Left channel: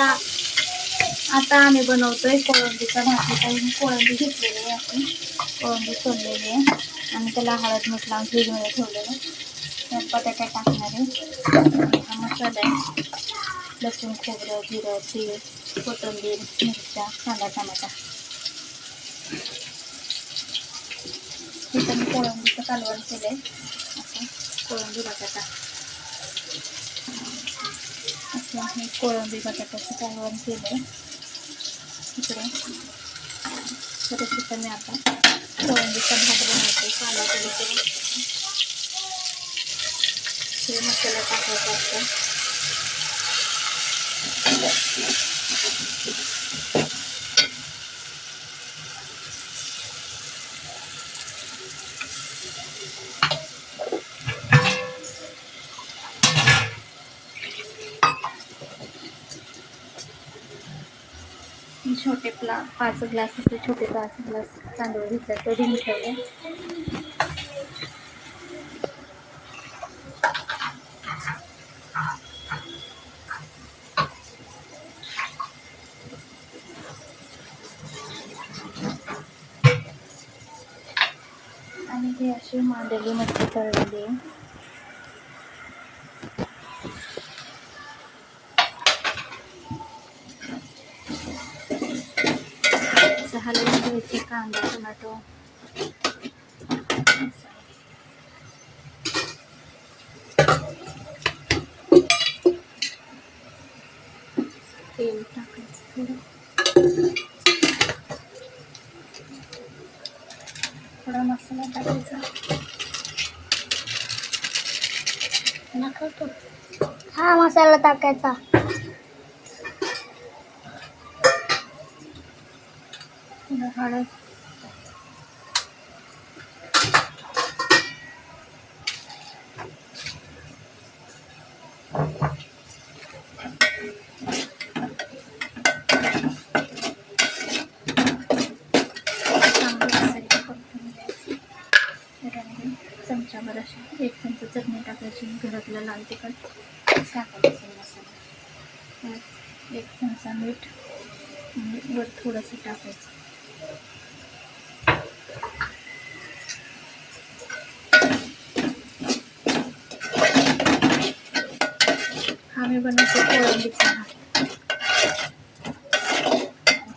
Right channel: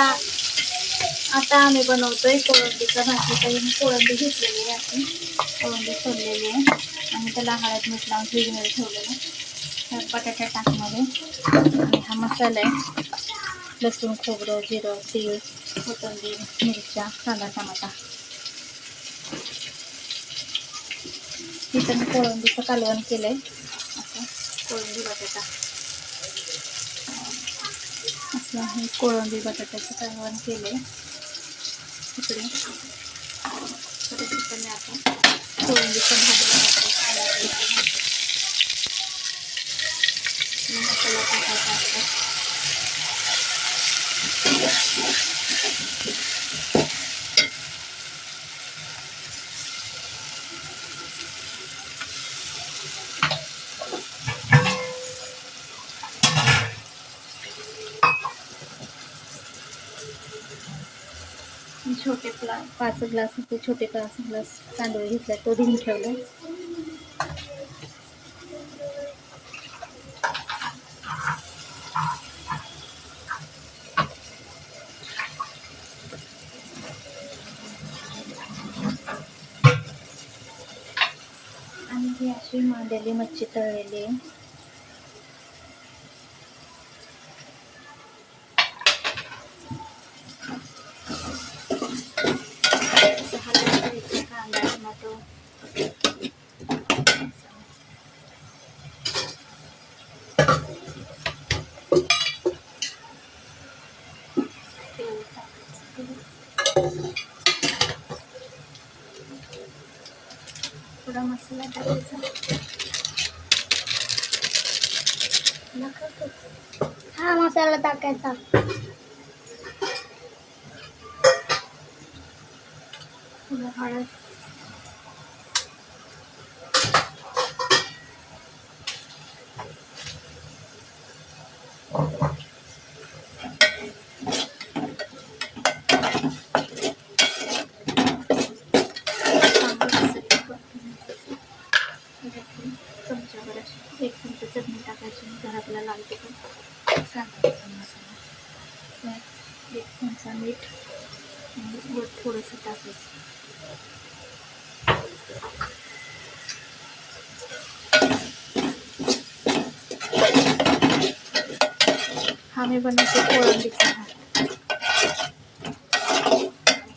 आता आम्ही बनवतोय कोळंबीचा भाजी. काही कोळंबी घेतलेली आहे, आपण कोळंबी सोडलेली आहे आणि त्याला हळद मीठ लावून फ्रीजमध्ये ठेवलेलं आहे. बटाटा टाकणार आहे आणि हा मसाला आहे. लसूण, खोबरं, जिरं, तीळ, कोथिंबीर, मिरच्या, कांदा, टमाटा. इथं मी कोळंबीचं कालवण केलं आहे. असं कोळंबी बटाटा, असं हे कोळंबी बटाट्याचं कालवण केलं आहे इकडे. परत इथं मी आता कोळंबीचा भात बनवते. काला कढी करून मसाला टाकायचा असतो. छोटे 5 ग्लास असते, छोटे 5 ग्लास तांदूळ घेतले, ते धुवून ठेवले. आणि ही अशी मांदेली मच्छी तळलेली आहे. कांदा, टोमॅटो, तेल टाकायचं, थोडा मसाला टाकायचा. हा मसाला टाकायचा. थोडं हळद, चमचाभर अशी 1 चमचा चटणी टाकायची, घरातला लाल तिखट, कांदा लसूण मसाला, 1 चमचा मीठ वर थोडंसं टाकायचं. हा मी बनवते कोळंबीचा भात.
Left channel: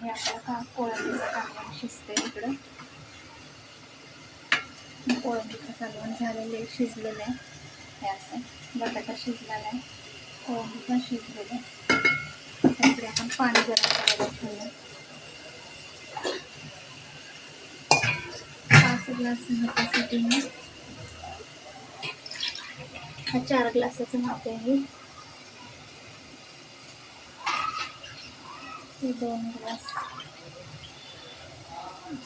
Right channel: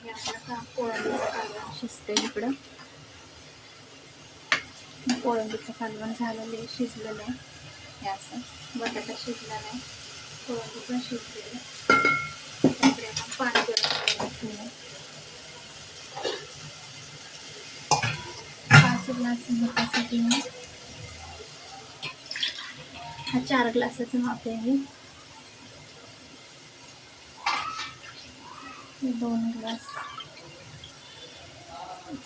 हे आपला कोळंबीचं कालवण शिजते इकडं. कोळंबीचं कालवण झालेलं आहे, शिजलेलं आहे. हे असं बटाटा शिजलेला आहे, कोळंबी पण शिजलेलं आहे. त्याकडे आपण पाणी गरम करायला ठेवलं. 5 ग्लास भातासाठी मी हा 4 ग्लासाचं माप आहे. 2 ग्लास,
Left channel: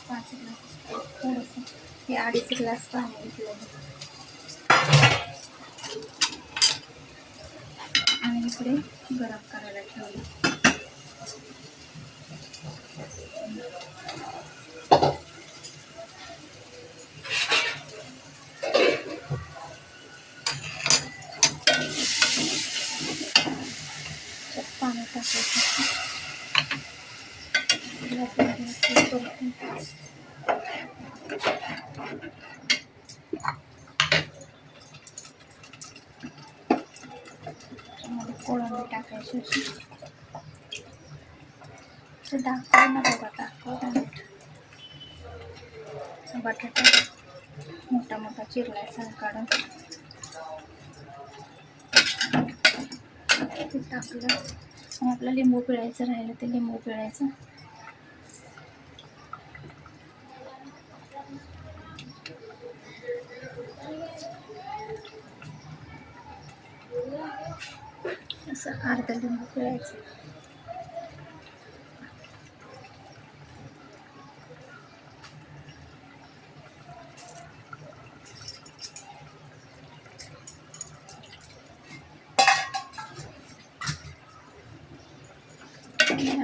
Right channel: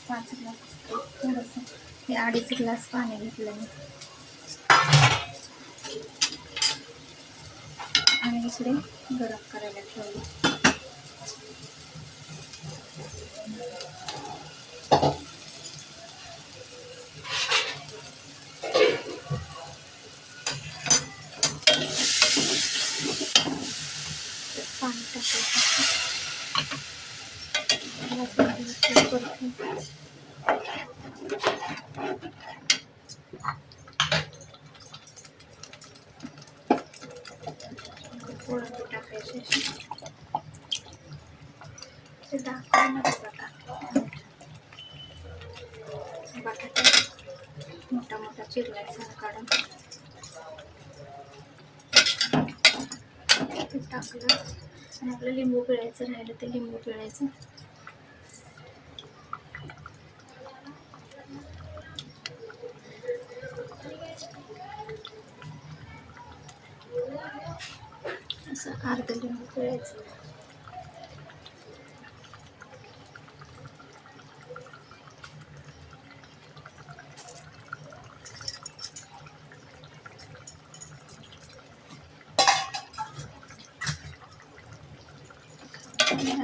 5 ग्लास, थोडंसं हे 2.5 ग्लास पाणी घेतलं आणि इकडे गरम करायला ठेवलं. पाणी टाकायचं. कोळंबी टाकायची, ते दाखवू नको का, बटाटा मोठा मोठा चिरलाय सार काढून ते टाकलं. आणि आपलं लिंबू पिळायचं राहिलं ते लिंबू पिळायचं. असं अर्धा लिंबू पिळायचं.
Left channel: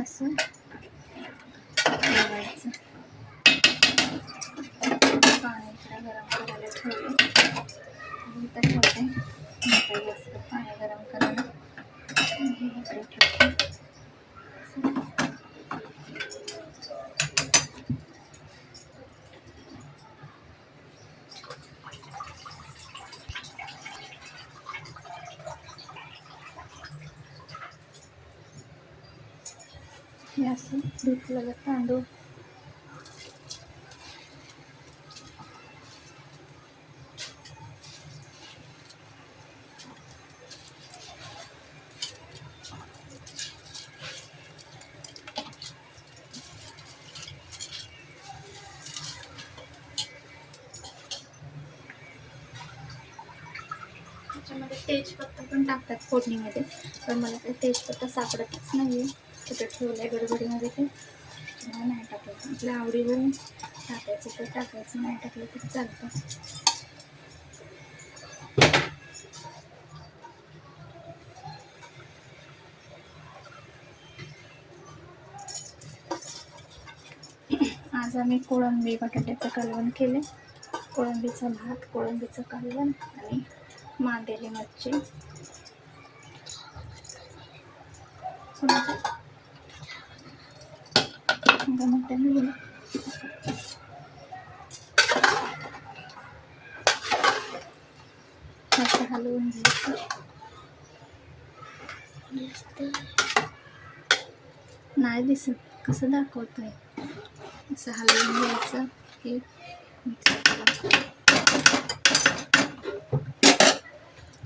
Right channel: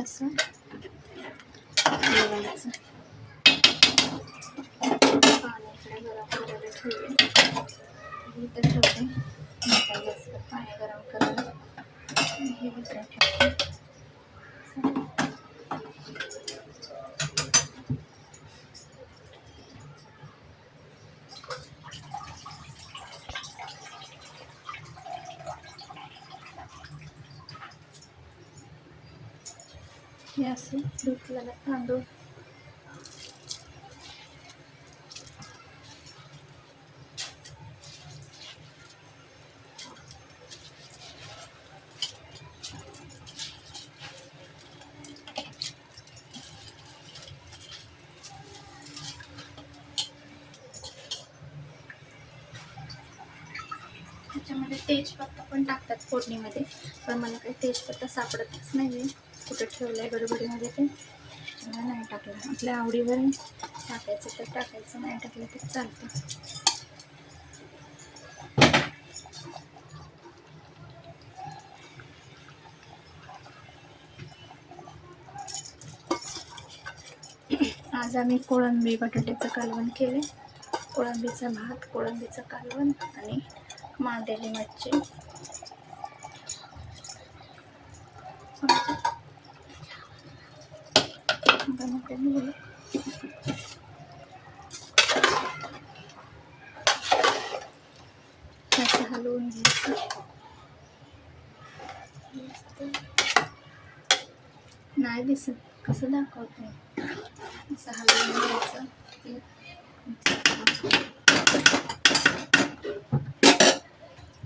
असं ठेवायचं. पाणी इकडे गरम करायला ठेवले. इथं ठेवते पाणी गरम करायला. हे इकडे ठेवते. हे असं धुतलेलं तांदूळ त्याच्यामध्ये तेजपत्ता पण टाकतात फोडणीमध्ये, पण मला काही तेजपत्ता सापडतच नाही आहे, कुठे ठेवलं आहे गडबडीमध्ये ते नाही टाकलं. आपल्या आवडीवर टाकायचं तर टाकायचं, नाही टाकलं तर चालतं. आज आम्ही कोळंबी बटाट्याचं कालवण केले. कोळंबीचा भात, कोळंबीचं कालवण आणि मांदेली मच्छी. असं हलवून घ्यायचं. नाही दिसत, कसं दाखवत नाही. असं हलवून घ्यायचं. हे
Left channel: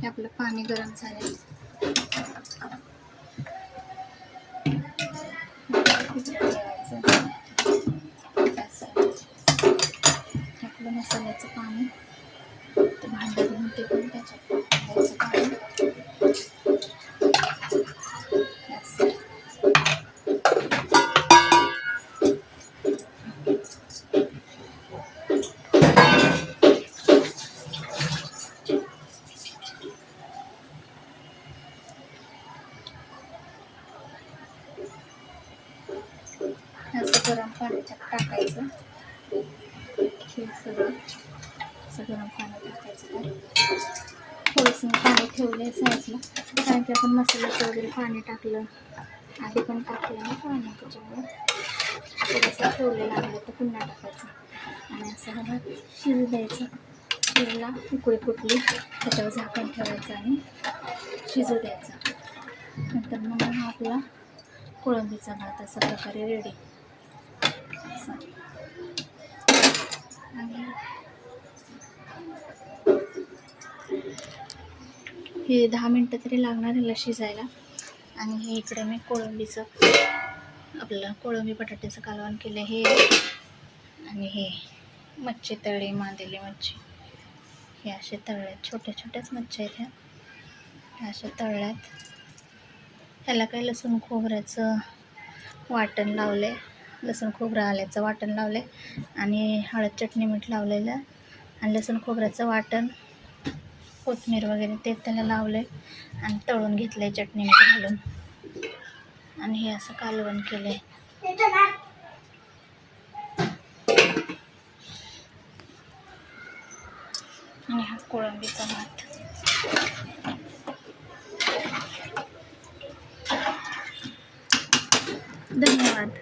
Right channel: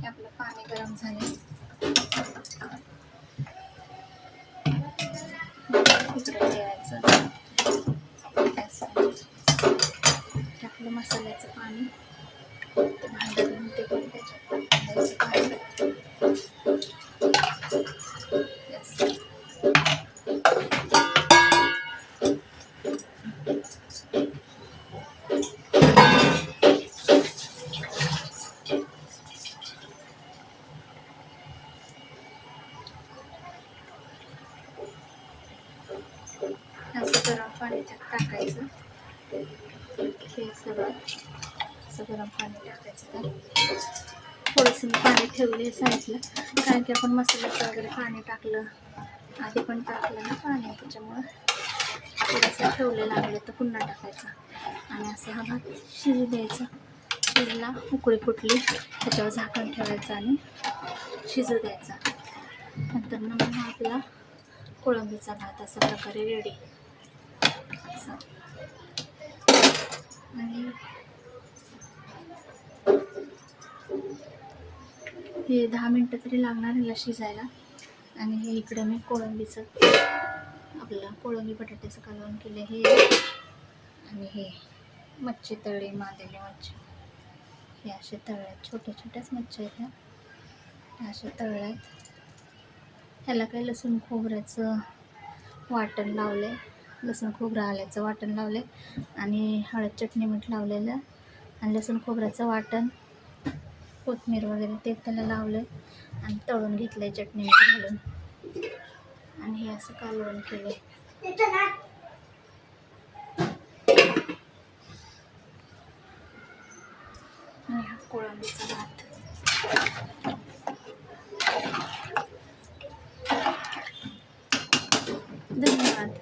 आपलं पाणी गरम झालं, ठेवायचं. आपलं मसाल्याचं पाणी ते भांडं धुवून ते पण त्याच्यात घ्यायचं पाणी. असं गरम पाणी त्यात टाकायचं. हे सगळं असं गरम पाणी टाकायचं. थोडंसं पाणी ठेवले साईडला, कारण की आपण मसाल्याचं वगैरे पाणी टाकलं, आधी पण टाकलं ना पाणी, त्याच्यामुळं थोडंसं ठेवलेलं लागलं तर पुन्हा टाकायचं. आणि असं हा भात शिजू द्यायचा. शिजला, उकळी फुटली, त्याच्यावर झाकण ठेवायचं आणि शिजू द्यायचा. नंतर मग हा आपला कोळंबीचा भात अशा प्रकारे रेडी. आणि हे 10 मिनटं तरी लागणार ह्याला शिजायला. आणि हे इकडे मी कोळंबीचं आपलं कोळंबी बटाट्याचं कालवण केलं हे, आणि हे मच्छी तळली, मांदेली मच्छी. हे असे तळल्यात, छोट्या छोट्याच मच्छी आहेत ह्या अशा तळल्यात. ह्याला काही लसूण खोबऱ्याचं वाटण लावले, लसूण खोबरं आल्याचं वाटण लावले आणि हळद चटणी मीठ लावलेलं, आणि लसूण खोबऱ्याचं वाटण, कोथिंबीर वगैरे ते त्याला लावले आणि तळून घेतलंय चटणी मीठ घालून. आणि हे असं कालवण केलंय. आणि हा कोळंबीचा भात. धन्यवाद.